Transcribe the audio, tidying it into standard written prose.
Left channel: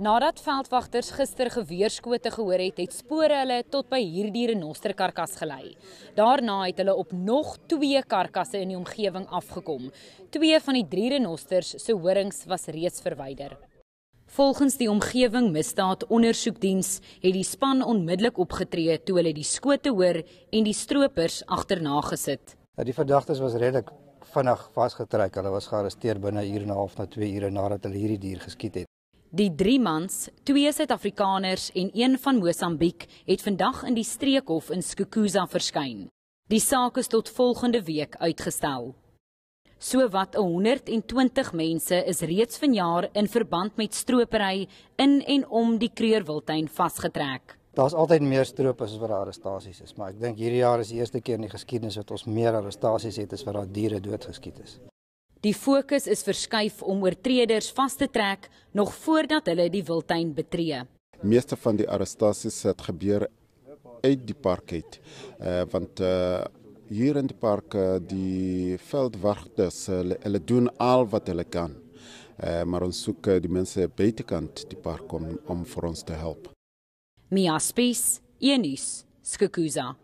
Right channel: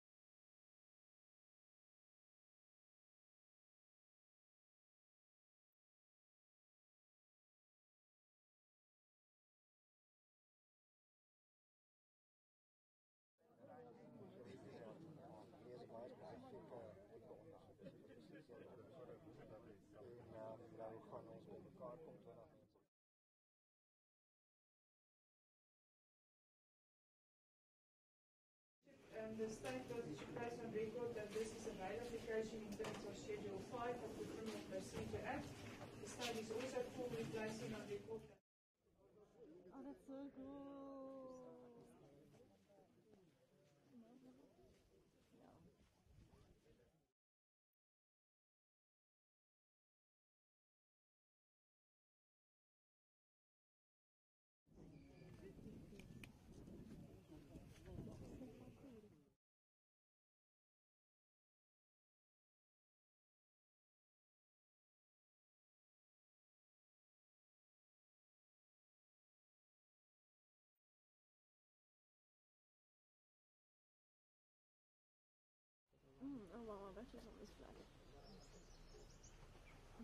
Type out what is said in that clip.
Nadat veldwagters gister geweerskote gehoor het spore hulle tot by hierdie renosterkarkas gelei. Daarna het hulle op nog 2 karkasse in die omgewing afgekom. 2 van die 3 renosters se horings was reeds verwyder. Volgens die omgewing misdaad ondersoekdiens het die span onmiddellik opgetree toe hulle die skote hoor en die stroopers agterna gesit. Die verdagtes was redelik vinnig vasgetrek. Hulle was gearresteer binne 1 uur en 'n half na 2 ure nadat hulle hierdie dier geskiet het. Die 3 mans, 2 Suid-Afrikaners en 1 van Mosambiek, het vandag in die streekhof in Skukuza verskyn. Die saak is tot volgende week uitgestel. Sowat 120 mense is reeds vanjaar in verband met stropery in en om die Kreurwiltuin vasgetrek. Daar's altyd meer stroopers as wat daar arrestasies is, maar ek dink hierdie jaar is die eerste keer in die geskiedenis wat ons meer arrestasies het as wat daar diere doodgeskiet is. Die fokus is verskuif om oortreders vas te trek nog voordat hulle die wildtuin betree. Meeste van die arrestasies het gebeur uit die park uit, want hier in die park die veldwagters, hulle doen al wat hulle kan, maar ons soek die mense buitekant die park om vir ons te help. Mia Spies, Nuus, Skukuza.